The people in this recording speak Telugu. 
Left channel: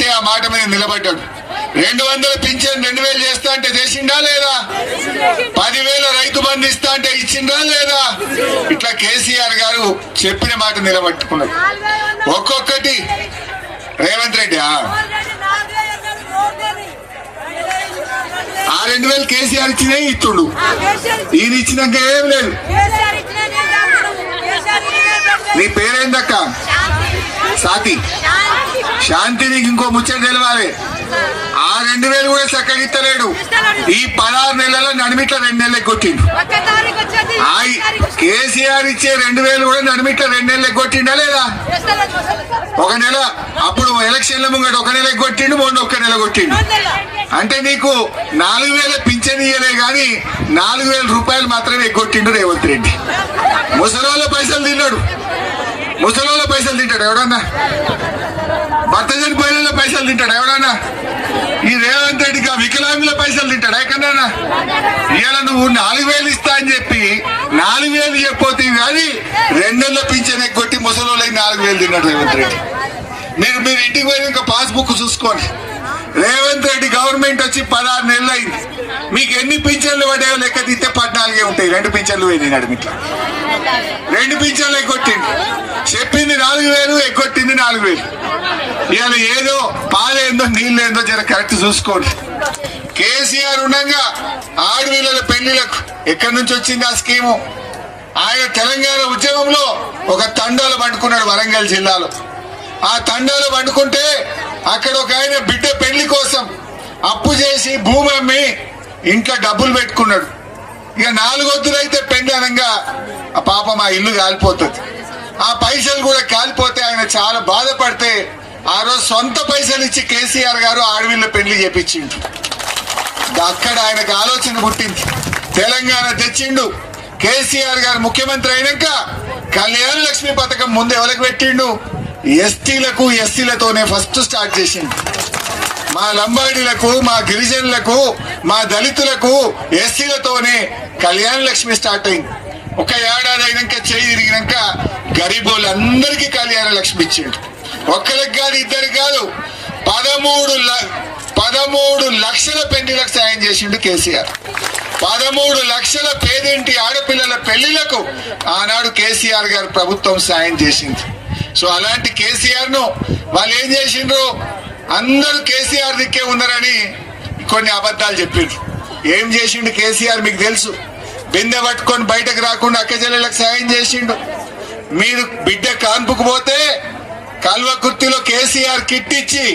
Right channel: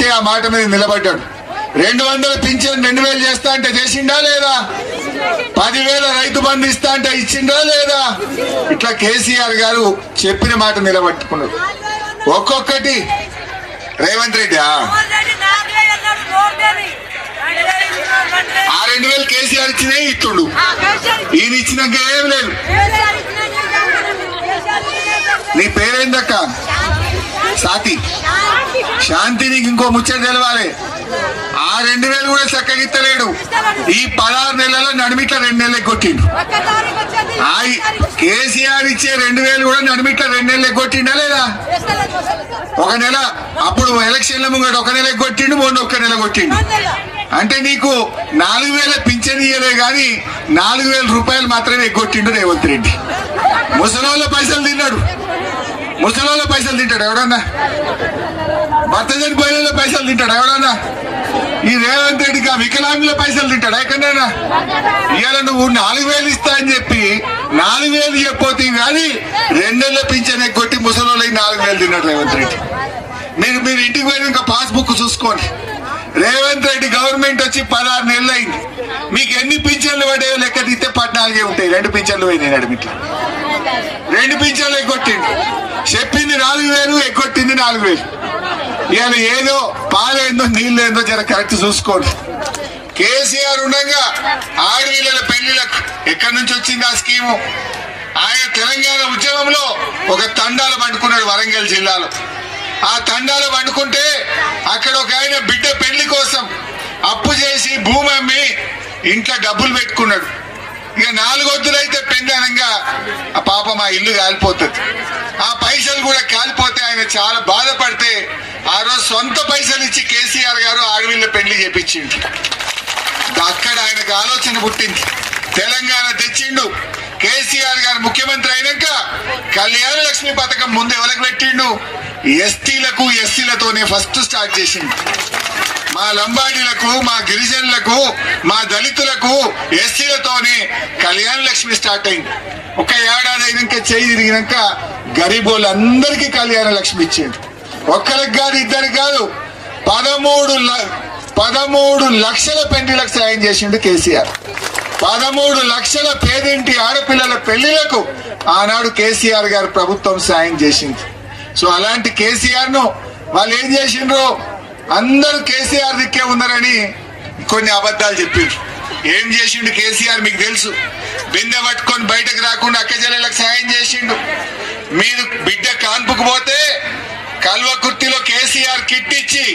ఇస్తే ఆ మాట మీద నిలబడ్డాడు. రెండు వందల పింఛన్ రెండు వేలు చేస్తా అంటే చేసిండా లేదా? పదివేల రైతు బంధు ఇస్తా అంటే ఇచ్చిండా లేదా? ఇట్లా కేసీఆర్ గారు చెప్పిన మాట నిలబెట్టుకున్నాడు. ఒక్కొక్కటి. రేవంత్ రెడ్డి ఆ, రెండు వేలు కేసీఆర్ ఇచ్చినే ఇస్తుడు ఈయన ఇచ్చినాక ఏం లేదు. నీ పేరేందక్క? సాతి. శాంతి నీకు ఇంకో ముచ్చట తెలవాలి. ఆ రెండు వేలు కూడా చక్కగా ఇస్తలేడు. ఈ పదహారు నెలల నడిమిట్ల రెండు నెలలు ఆ కేసీఆర్ ఇచ్చే రెండు వేలు కూడా నడిమిట్ల రెండు నెలలు ఎగ్గొట్టిండా లేదా? ఒక నెల అప్పుడు ఎలక్షన్ల ముంగట ఒక నెల ఎగ్గొట్టిండు మొన్న ఒక్క నెల కొట్టిండు. అంటే నీకు నాలుగు వేల పింఛన్ ఇయ్యలే గాని నాలుగు వేల రూపాయలు మాత్రమే ఎగ్గొట్టిండు రేవంత్ రెడ్డి. ముసలాళ్ళ పైసలు తిన్నాడు. ముసలాళ్ళ పైసలు తింటాడు ఎవడన్నా? భర్త చనిపోయిన పైసలు తింటాడు ఎవడన్నా ఈ రేవంత్ రెడ్డికి ఆ వికలాంగుల పైసలు తింటాడు ఎక్కడన్నా ఇవాళ నువ్వు నాలుగు వేలు ఇస్తా అని చెప్పి నాలుగు వేలు చెప్పిపోతే కానీ రెండేళ్ళ పింఛన్ కొట్టి ముసలోళ్ళకి నాలుగు వేలు తిన్నాడు రేవంత్ రెడ్డి. మీరు మీరు ఇంటికి పోయినాక పాస్బుక్ చూసుకోండి. రేవంత్ రెడ్డి గవర్నమెంట్ వచ్చి పదహారు నెలలు అయింది. మీకు ఎన్ని పింఛన్లు పడేవో లెక్క తీస్తే పద్నాలుగే ఉంటాయి. రెండు పింఛన్లు పోయినాయి నడిమిట్లా రెండు పింఛన్లు ఎగ్గొట్టింది చెప్పింది నాలుగు వేలు ఎగ్గొట్టింది నాలుగు వేలు. ఇవాళ ఏదో పాలేందో నీళ్ళేందో జర కరెక్ట్ చూసుకోండి. కేసీఆర్ ఉండగా ఆడపిల్లల పెళ్ళిలకు ఎక్కడి నుంచి వచ్చింది ఆ స్కీము? ఆయన తెలంగాణ ఉద్యమంలో ఒక తండాలు పండుకున్నాడు వరంగల్ జిల్లాలో. ఆ తండాలు పండుకుంటే అక్కడ ఒక ఆయన బిడ్డ పెళ్ళి కోసం అప్పు చేసి భూమి అమ్మి ఇంట్లో డబ్బులు పెట్టుకున్నాడు. ఇక నాలుగొద్దులైతే పెందనంగా ఆ పాపం ఆ ఇల్లు కాలిపోతుంది. ఆ పైసలు కూడా కాలిపోతే ఆయన చాలా బాధపడితే ఆ రోజు సొంత పైసలు ఇచ్చి కేసీఆర్ గారు ఆడవిల్ల పెళ్ళి చేపించింది అక్కడ ఆయనకు ఆలోచన పుట్టింది. తెలంగాణ తెచ్చిండు. కేసీఆర్ గారు ముఖ్యమంత్రి అయినాక కళ్యాణ లక్ష్మి పథకం ముందు ఎవరికి పెట్టిండు? ఎస్టీలకు ఎస్సీలతోనే ఫస్ట్ స్టార్ట్ చేసింది మా లంబాడీలకు మా గిరిజనులకు మా దళితులకు ఎస్సీలతోనే కళ్యాణ లక్ష్మి స్టార్ట్ అయింది. ఒక ఏడాది అయినాక చేయి తిరిగినాక గరీబులందరికీ కళ్యాణ లక్ష్మి ఇచ్చిండు. ఒక్కరికి కాదు ఇద్దరికి కాదు. పదమూడు ల- పదమూడు లక్షల పెళ్ళిలకు సాయం చేసిండు కేసీఆర్. పదమూడు లక్షల పేదింటి ఆడపిల్లల పెళ్ళిలకు ఆనాడు కేసీఆర్ గారు ప్రభుత్వం సాయం చేసింది. సో అలాంటి కేసీఆర్ను వాళ్ళు ఏం చేసిండ్రు అందరూ కేసీఆర్ దిక్కే ఉన్నారని కొన్ని అబద్ధాలు చెప్పిండ్రు. ఏం చేసిండు కేసీఆర్ మీకు తెలుసు? బిందె పట్టుకొని బయటకు రాకుండా అక్కజల్లలకు సాయం చేసిండు. మీరు బిడ్డ కాన్పుకు పోతే కాల్వ కుర్తిలో కేసీఆర్ కిట్ ఇచ్చి